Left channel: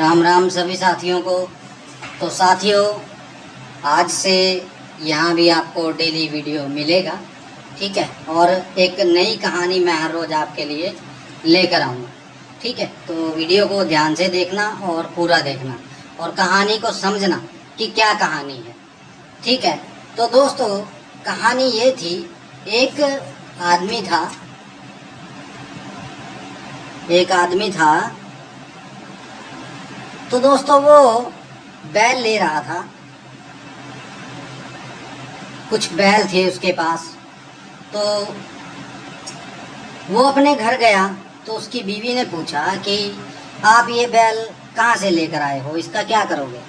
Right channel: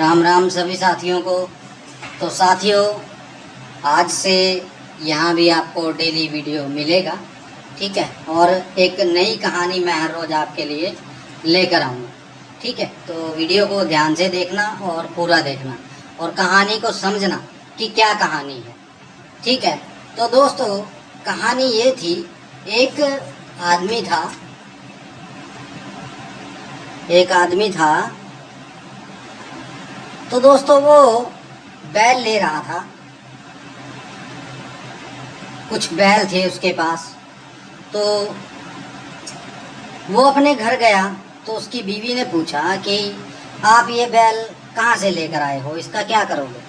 राम राम सभी साथियों को। तो साथियों, आज से यहाँ भी आपको डेली वीडियो मिलेगा, ठीक है। और एक नई कहानी मैं हर रोज़ आपके लिए लेकर आऊँगा, ठीक है। तो वीडियो को ध्यान से देखना और पूरा देखना और कहानी को समझना कि क्या कहानी है, ठीक है। तो दोस्तों, कहानी ये थी, एक आदमी था। तो दोस्तों, वो बैल ले रहा था, कुछ बैल थे उसके पास। तो वो अपने घर गया तो उसकी बीवी ने पूछा कि आप ये बैल कहाँ से लेकर आए हो, इसका क्या करोगे।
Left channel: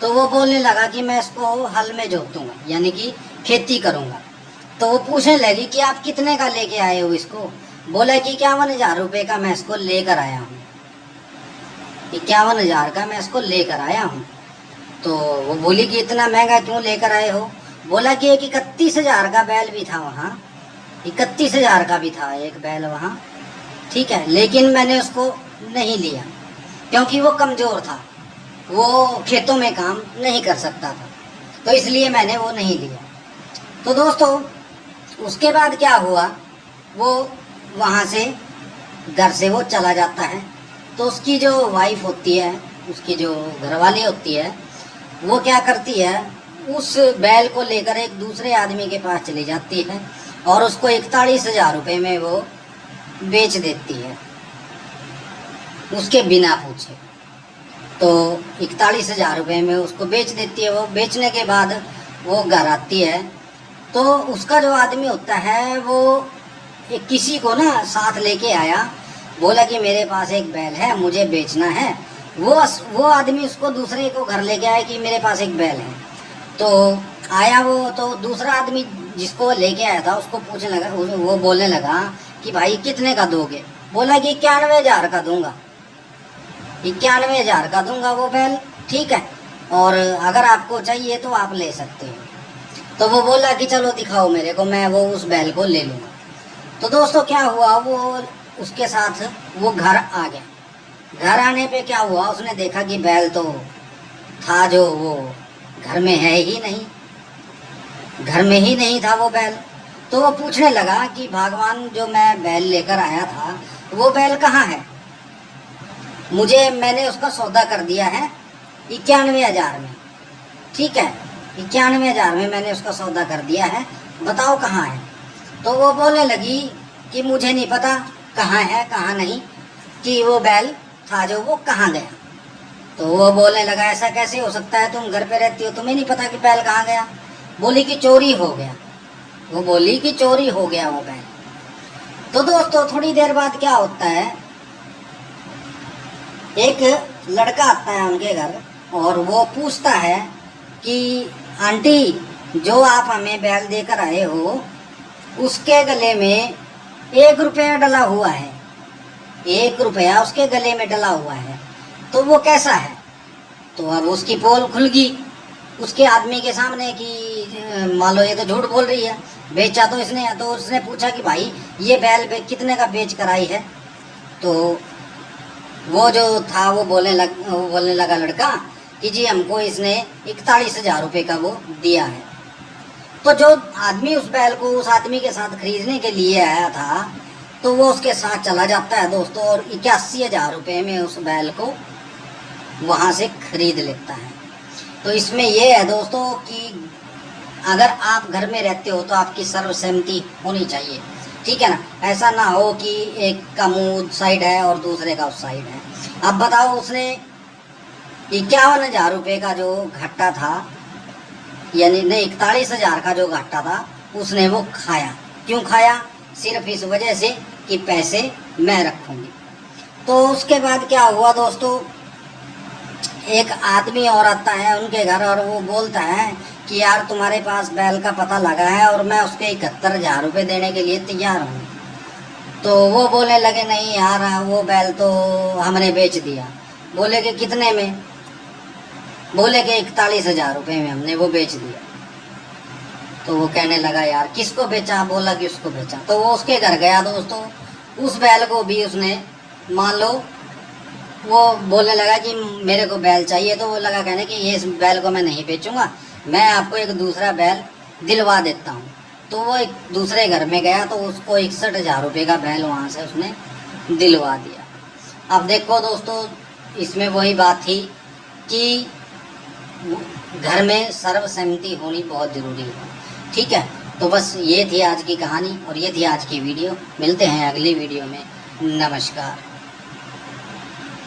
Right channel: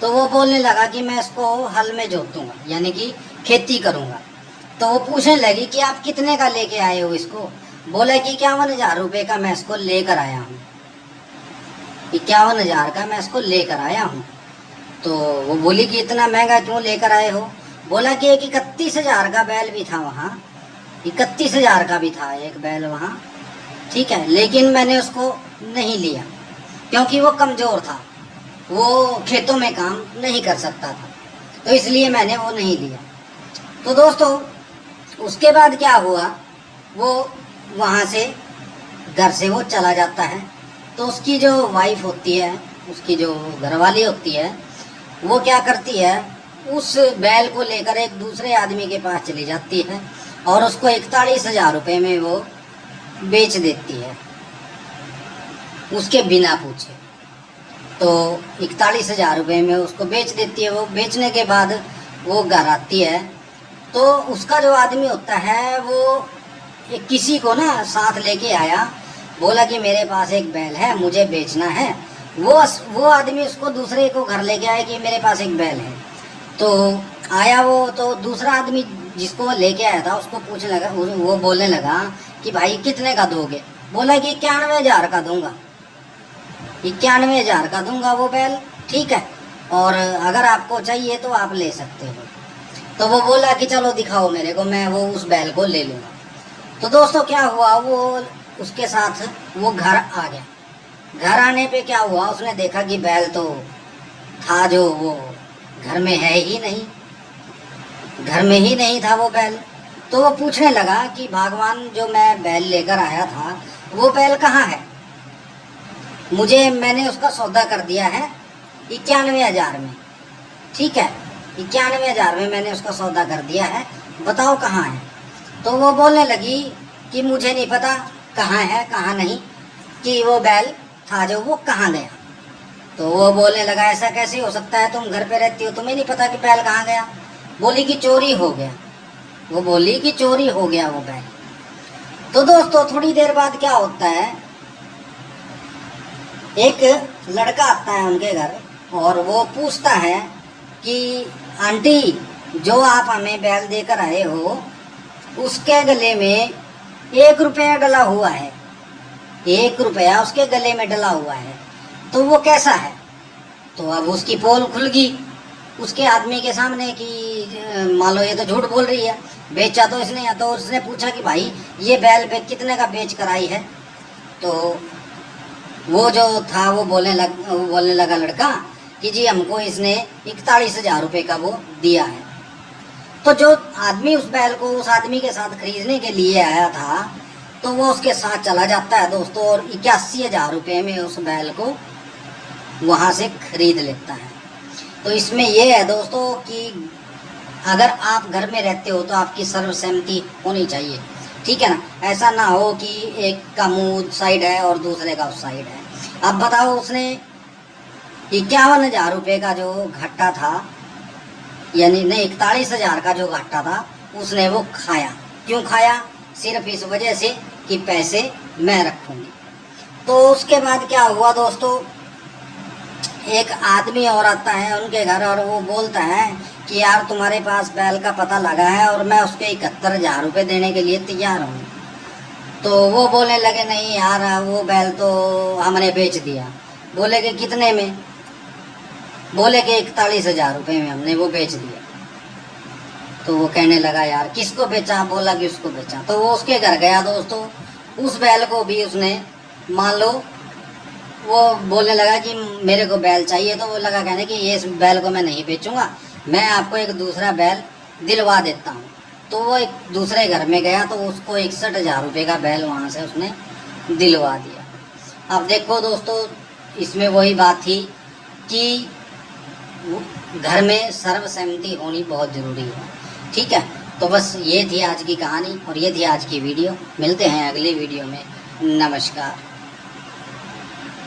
तो वो बोलने लगा कि मैं इसको हल में जोत दूंगा, यानी कि खेती करूंगा। तो वो पूछने लगी कि आप कितने का लेके आए हो इसको। बोला कि 51,000 रुपये का मैं इसको लेकर आया हूँ, 51,000 का मैं इसको लेकर आया हूँ। तो वो बोली कि इतना महंगा क्यों लेकर आए हो। बोला कि एक 31,000 का बैल भी था वहाँ, 31,000 का भी था एक बैल वहाँ, ठीक है। लेकिन मैंने उसको नहीं लिया क्योंकि वो कमज़ोर था, वो खेतों में काम नहीं कर सकता था, तो इसलिए मैंने वो नहीं लिया। तो दोस्तों, उसके बाद क्या हुआ, वो वहाँ से घर से वो चला जाता है। तो उसकी जो वाइफ होती है, उसकी जो घरवाली होती है, वो क्या करती है, उस बैल को लेकर एक दूसरे आदमी के पास चली जाती है और उसको 41,000 रुपये में वो बेच देती है, उसके बिना पूछे। तो 41,000 रुपये में उसको बेच देती है। वो बेचने के बाद वो घर आती है तो उसका जो आदमी होता है वो किसी को ना साथ लेके आया, बोला कि मेरे पास एक बैल है, मुझे बेचना है। वो आदमी उसको दूसरे को घर लेके आया कि मेरे पास एक बैल है। तो आया वो, तो दूसरा आदमी जिसको लेके आया था उसको पूछने लगा, वो बोलने लगा कि भाई कितने का दोगे। बोला कि 91,000 का दूंगा, 91,000 का दूंगा वो बैल, ठीक है। और अगर आपको चाहिए तो आप ले सकते हो। तो वो बोला कि चलो दिखाओ मेरे को, मैं वो उस बैल को ले लूँगा। तो दोस्तों, क्या हुआ, वो उसके साथ वो घर आ गया। घर आने पे क्या हुआ, उसने देखा कि बैल तो था जो वो घर में है ही नहीं, घर में ही नहीं था वो बैल। तो वो पूछने लगा कि भगवान, जो मैं बैल लेकर आया था वो बैल कहाँ है, मैंने उसका सौदा कर दिया है 91,000 में, ठीक है, 91,000 में मैंने उसका सौदा कर दिया है, बताओ कहाँ है। तो वो बोलने लगी कि मुझे नहीं पता कहाँ है कहाँ नहीं, कि वो बैल था जो वो कहाँ गया। तो वो बोलने लगा, ऐसा कैसे हो सकता है, तुम घर पे रहती हो, तुम्हें नहीं पता कि बैल कहाँ गया। बोली कि चोरी हो गया, वो बोली कि चोरी हो गया वो बैल। तो दोस्तों, थोड़ी देर बाद क्या होता है, एक लड़का आता है उनके घर और वो पूछता है कि आंटी, जो आप हमें बैल देकर आए हो उसके गले में 1 रुपया डला हुआ है, 1 रुपया उसके गले में डला हुआ है, तो वो कैसा है। तो अब उसकी पोल खुल गई उसके आदमी के सामने कि मान लो ये तो झूठ बोल रही है, बेचा तो इसने। तो उसने पूछा कि भाई ये बैल कितने का बेच कर आई है। तो वो जो था वो बोलने लगा लड़का कि जी हमको इसने 41,000 रुपये का वो दिया है। तो जो आदमी उस बैल को उस आदमी के साथ खरीदने के लिए आया था, तो वो उसके साथ चला जाता है दोस्तों, और 81,000 रुपये में उस बैल को वहाँ से खरीद लेता है। तो इसमें ये है दोस्तों कि अगर आप घर में रहते हो तो आपकी सर्वसहमति होनी चाहिए, ठीक है ना। ऐसा ना हो कि एक का मुंह उस साइड है और दूसरे का उस साइड है। अब बताओ, उसने 51,000 रुपये का जो घाटा था, यानी नहीं 41,000 का जो घाटा था, उसने वो खाया। क्यों खाया, सिर्फ इस वजह से कि पैसे मैं रखूँगी। तो उसके बाद क्या हुआ दोस्तों, एक आदमी और आता है उनके घर और वो बोलता है कि यार तुम्हारे पास बैल का पता लगा है और मैं उसके 71,000 रुपये देने के लिए तैयार हूँ। तो वो बोलने लगे, नहीं यार वो बैल तो हमने बेच दिया। बोले कि कितने में। बोले कि 41,000 रुपये में हमने वो बेच दिया। तो वो कहने लगा, यार किसको बेचा। बोला कि उसको बेचा। तो वो उसके घर गया दोस्तों, उस बैल को भी उसने मान लो वो बोलने लगा कि मेरे को बैल चाहिए, तो वो लगा कहने कि ये इस बैल को मैं नहीं बेचूंगा, मैं आपको एक दूसरा बैल दिलवा देता हूँ। तो वो एक दूसरे घर में गया तो उसको 61,000 रुपये का बैल वहाँ से उसने दिलवा दिया। अब देखो दोस्तों, इसमें वही बात थी कि घर में सर्वसहमति होनी बहुत ज़रूरी है। ठीक है, तो बस ये थी आज की कहानी और ये थी आज की वीडियो। मिलते हैं अगली वीडियो में। नमस्कार।